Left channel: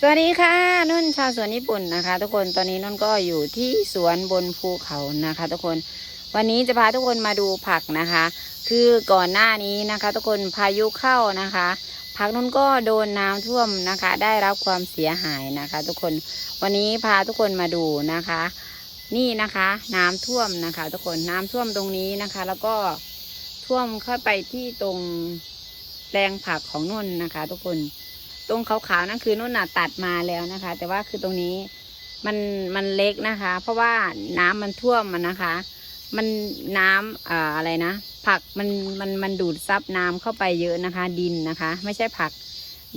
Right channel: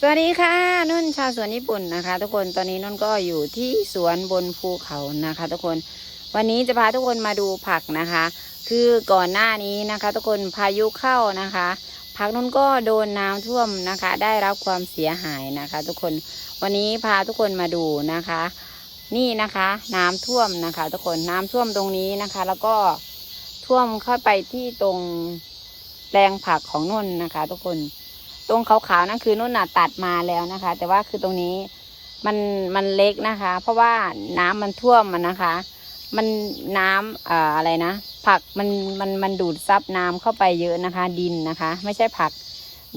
สวัสดีค่ะนุ่นชาวสวนญี่ปุ่นนะคะ ทุกคนตอนนี้นุ่นก็อยู่ที่สวนบนภูเขานะคะ ทุกคน วันนี้จะพาทุกคนมาดูผักนะคะ คือก่อนหน้านี้นะคะ ทุกคนพายุเข้านะคะ ผักนุ่นก็โดนน้ำท่วมนะคะ ได้รับความเสียหายนะคะ ทุกคนวันนี้พาทุกคนมาดูนะคะ นี่นะคะ น้ำท่วมนะคะ ทุกคนน้ำท่วมตรงนี้นะคะ แล้วก็ท่วมเข้าไปที่ตรงแปลงผักของนุ่นนะคะ ทุกคน ตรงขาวๆนั่นคือนุ่นน่ะตัดมาแล้วนะคะ แต่ว่าคือตรงนี้มันมันเล็กนะคะ เพราะว่าน้ำมันท่วมมันนะคะ มันน้ำอ่าอะไรนะผักมันมันมันดูดซับน้ำเข้าไปเยอะนะคะ ดินนะคะ ไม่ใช่ผัก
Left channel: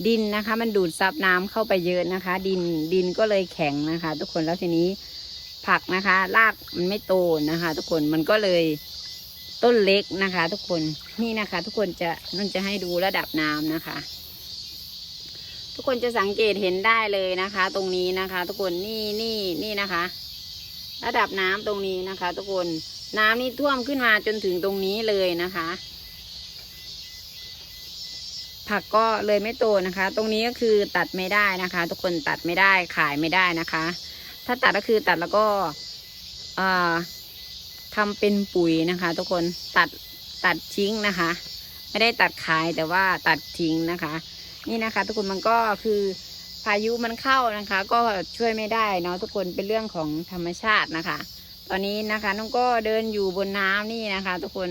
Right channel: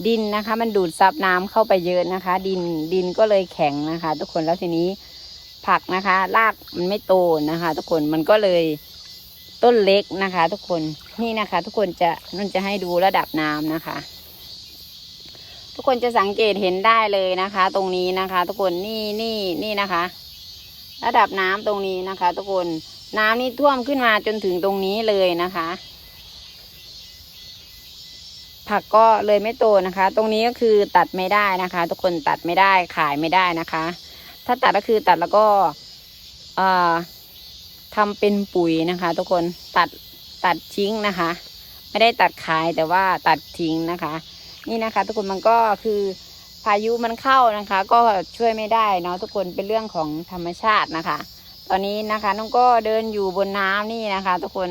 ดินนะคะ มันดูดซับน้ำเข้าไปเยอะนะคะ ดินดินก็เลยแข็งนะคะ ทุกคนแล้วทีนี้ผักนะคะรากมันไม่โตนะคะ ทุกคนมันก็เลยต้นเล็กนะคะ ทุกคนนี่นะคะ ทุกคนจะมันจะให้ดูระดับน้ำนะคะ ทุกคนจะสังเกตเห็นได้เลยนะคะ ตรงนี้นะคะ ทุกคนนี่นี่นี่นะคะ ระดับน้ำตรงนี้นะคะ ทุกคนน้ำนี่ท่วมขึ้นมาจนถึงตรงนี้เลยนะคะ ผักก็เลยไม่โตนะคะ ตรงนี้ก็คือตัดไม่ได้นะคะ ทุกคนตัดไม่ได้ขายไม่ได้นะคะ ถ้าตัดก็คือตัดแล้วก็อ่าทำเป็นปุ๋ยนะคะ ทุกคนตัดตัดทิ้งนะคะ ไม่ได้ตัดขายแต่ว่าตัดทิ้งนะคะ นี่นะคะ ทุกคนมันก็คือพายุมันเข้านะคะ ก็ช่วยไม่ได้เนาะทุกคนเป็นเรื่องของธรรมชาตินะคะ ตอนนี้นะคะน้องก็เดินอยู่บนน้ำนี่นะคะ ทุกคน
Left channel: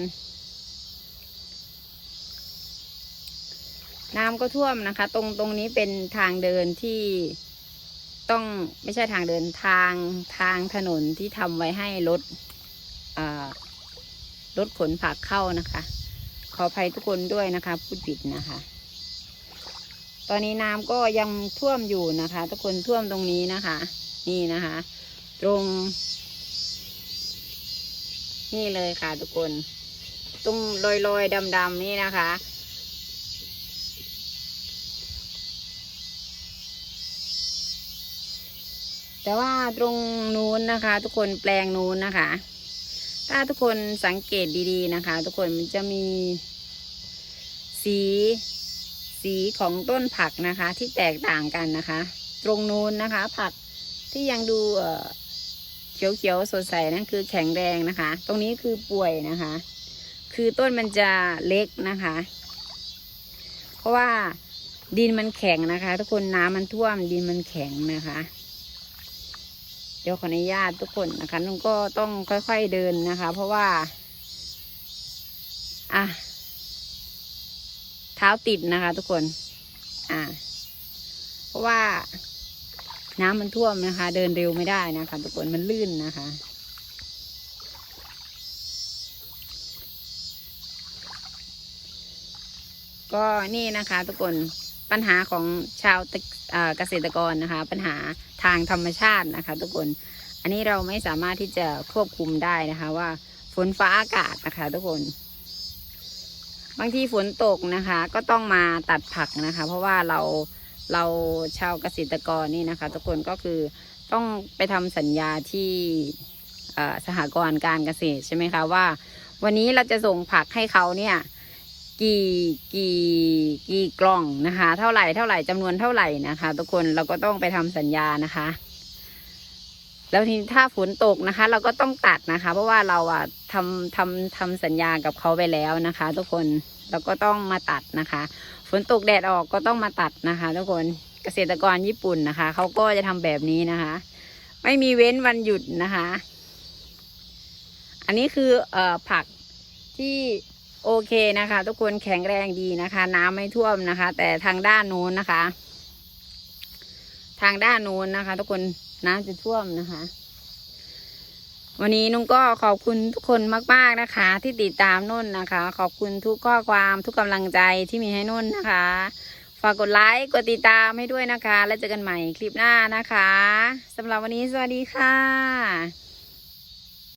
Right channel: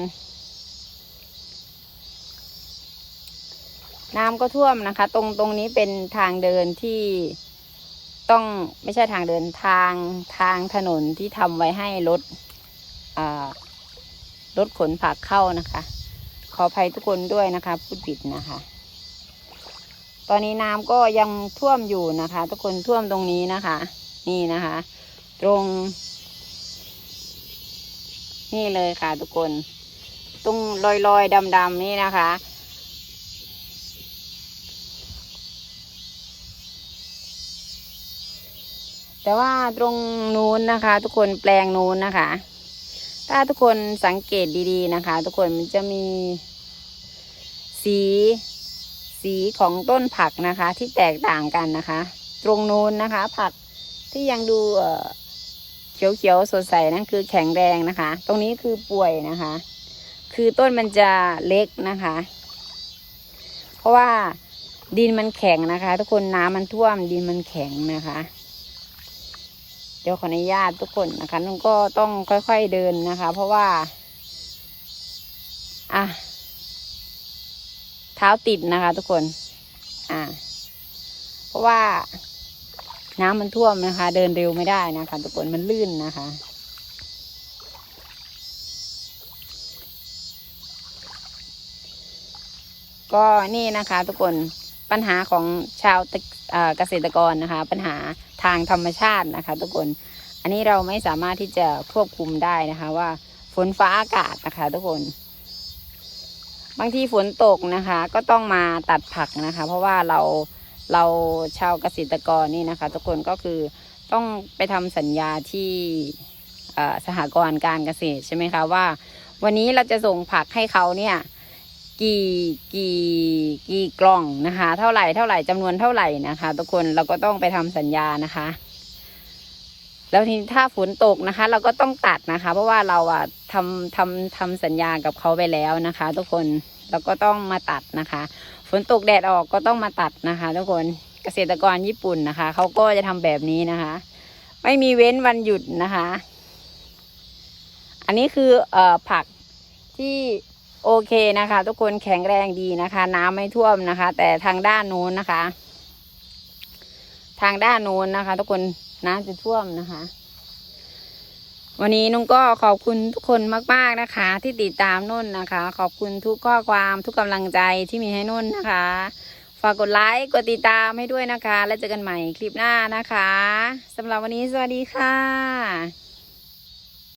น้ำก็ท่วมนะคะ ตรงตรงนี้เป็นทางเดินที่ต้องไม่ใช่ทางเดินทางทางถนนที่ทำไว้ให้รถอ่ารถขนผักเข้านะคะ ขออภัยทุกคนด้วยนะคะ พูดผิดนะคะ ตอนนี้น้ำก็ยังท่วมอยู่นะคะ ทุกคนท่วมตรงนี้นะคะ นี่นะคะ ตรง นี่เลยค่ะ ทุกคน ตรงลอยลอยดำดำๆนี่นะคะ แต่ว่าตรงนู้นนะคะ ทุกคนแปลงนู้นนะคะ ถ้าทุกคนสังเกตดีๆนะคะ ทุกคนมันจะมีสี สีของต้นผักนะคะ ที่แตกต่างกันนะคะ ตรงนู้นนะคะ ผักที่ยังดูเอ่อเขียวๆสดใสนั่นคือแข็งแรงนะคะ ตรงนี้คือป่วยนะคะ คือต้นมันจะเล็กนะคะ เพราะว่าดินมันแข็งนะคะ ทุกคนน้ำมันท่วมดินมันแข็งนะคะ เดี๋ยวขออนุญาตทุกคนนะคะนุ่นก็ต้องค่อยๆเดินนะคะ เพราะว่า อะ เท้าติดนะคะ ทุกคน อ่า เพราะว่าน้ำมันท่วมนะคะ เดินเร็วไม่ได้นะคะ ทุกคนมันลื่นนะคะ ก็นี่นะคะ ทุกคนปัญหาของชาวเกษตรกรนะคะ ปัญหาทางธรรมชาตินะคะ ทุกคน อันนี้เราไม่สามารถที่จะควบคุมได้นะคะ ว่าฝนฟ้าอากาศนะคะ ทุกคน บางทีฝนตกนะคะ ก็ต้องมาตัดผักนะคะ เพราะว่าเราเราชาวเกษตรกรนี่นะคะ ทุกคนก็คือต้องไปทำสัญญาที่อ่อสหกรณ์การเกษตรใช่ไหมคะว่า วันนี้เราจะส่งผักให้เขาเนี่ยกี่กี่กี่กล่องนะคะ เท่าไหร่เท่าไหร่จำนวนเท่าไหร่นะคะ ทุกคนเราก็ต้องไปทำสัญญานะคะ แล้วทีถ้าฝนตกนะคะ เราก็ต้องตัดนะคะ เพราะว่าเราอะทำทำทำสัญญากับเขาไปแล้วนะคะ ทุกคนเราก็ต้องมาตัดนะคะ ฝนตกแดดออกก็ต้องมาตัดนะคะ ทุกคนเกษตรกรญี่ปุ่นนะคะเขาก็จะทำแบบนี้นะคะ ไม่มีเว้นวันหยุดนะคะ อันนี้คือเอ่อผักที่โอเคนะคะ ทุกคนแข็งแรงดีนะคะ น้ำไม่ท่วมนะคะ แต่ทางด้านนู้นนะคะ ทางด้านนู้นนะคะ ทุกคน น้ำจะท่วมนะคะ วันนี้นุ่งก็ขอบคุณทุกคนมาก ๆนะคะ ที่ติดตามนุ่นนะคะ ขอบคุณทุกข้อความทุกกำลังใจที่มีให้นุ่นนะคะ ฝากกดไลค์กดติดตามให้ด้วยนะคะ แล้วเจอกันใหม่คลิปหน้านะคะสำหรับวันนี้สวัสดีค่ะ